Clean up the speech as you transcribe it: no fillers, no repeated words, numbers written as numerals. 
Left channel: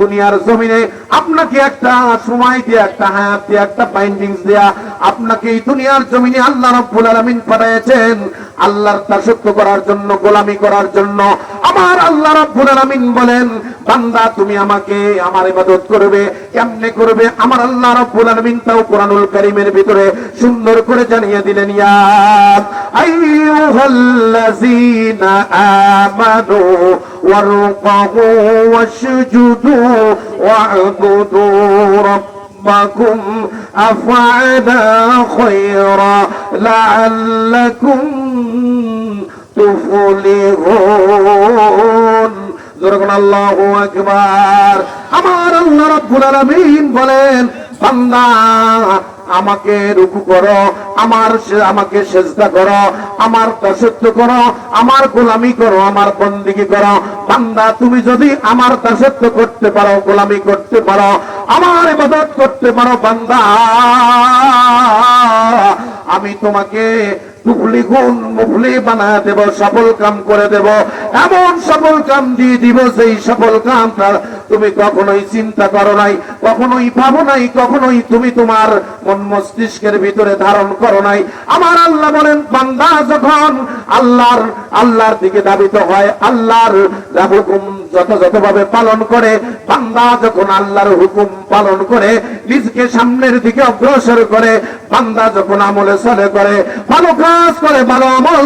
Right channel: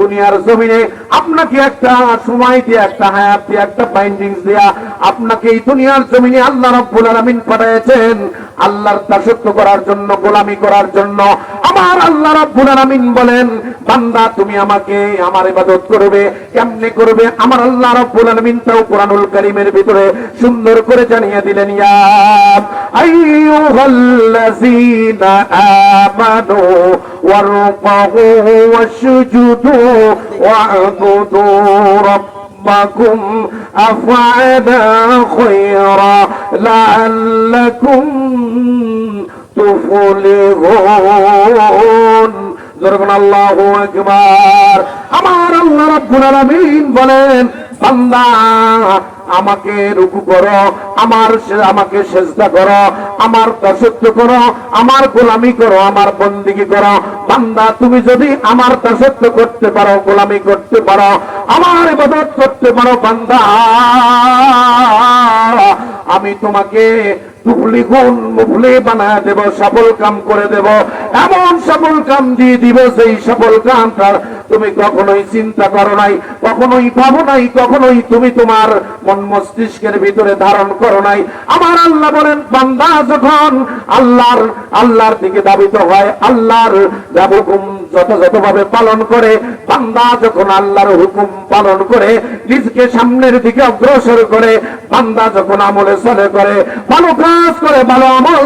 দুনিয়ার জমিনে আপনাকে একটা সময় দিয়ে, একটা হায়াত দিয়ে, একটা বাইন্ডিংস দেয়া আপনাকে এই দুনিয়ার জমিনে আল্লাহ রাব্বুল আলামিন পাঠিয়েছেন আল্লাহর দাসত্ব করার জন্য, গোলামি করার জন্য। আমার আল্লাহ রাব্বুল আলামিন বলেন, বান্দা তুমি আমাকে আমার ইবাদত করবে, কেমনে করবে? আমার আল্লাহ রাব্বুল আলামিন তাও কোরআনুল কারীমের ভিতরে সুন্দর করে জানিয়ে দিলেন, ইয়া আইয়ুহাল্লাযীনা আমানু ওয়ারকাউ ওয়াসজুদু ওয়া'বুদু রাব্বাকুম আফআলা খায়রা লাআল্লাকুম তুফলিহুন। যখন আল্লাহু আকবার। আমার আল্লাহ রাব্বুল আলামিন বলেন, বান্দা আমাকে রুকু করো, আমাকে সিজদা করো, আমার দাসত্ব করো, আমার গোলামি করো, আমার বন্দেগী করো। বান্দা তুমি যদি আমার দাসত্ব করতে পারো, গোলামি করতে পারো, আমার ইবাদত করতে পারো, বান্দা আমি তোমাকে মুফলি বানায় দেব, সফল কাম করে দেব, এমন সফল কাম দিয়ে দিব সেই সফল কাম তুমি কখনোই চিন্তা করো নাই, কখনোই ভাবো নাই, কখনোই তুমি তোমার মন মস্তিষ্কের ভিতরে ধারণ করো নাই। আমার আল্লাহ বলেন, বান্দা যখন আল্লাহর দিকে ধাবিত হয়, আল্লাহর হুকুম যথাযথভাবে পালন করে, বান্দা যখন আল্লাহর হুকুম পালন করে নিজকে সামনের দিকে অগ্রসর করে, বান্দা যখন আমলে সালে করে, ভালো কাজ করে, ভালো আমল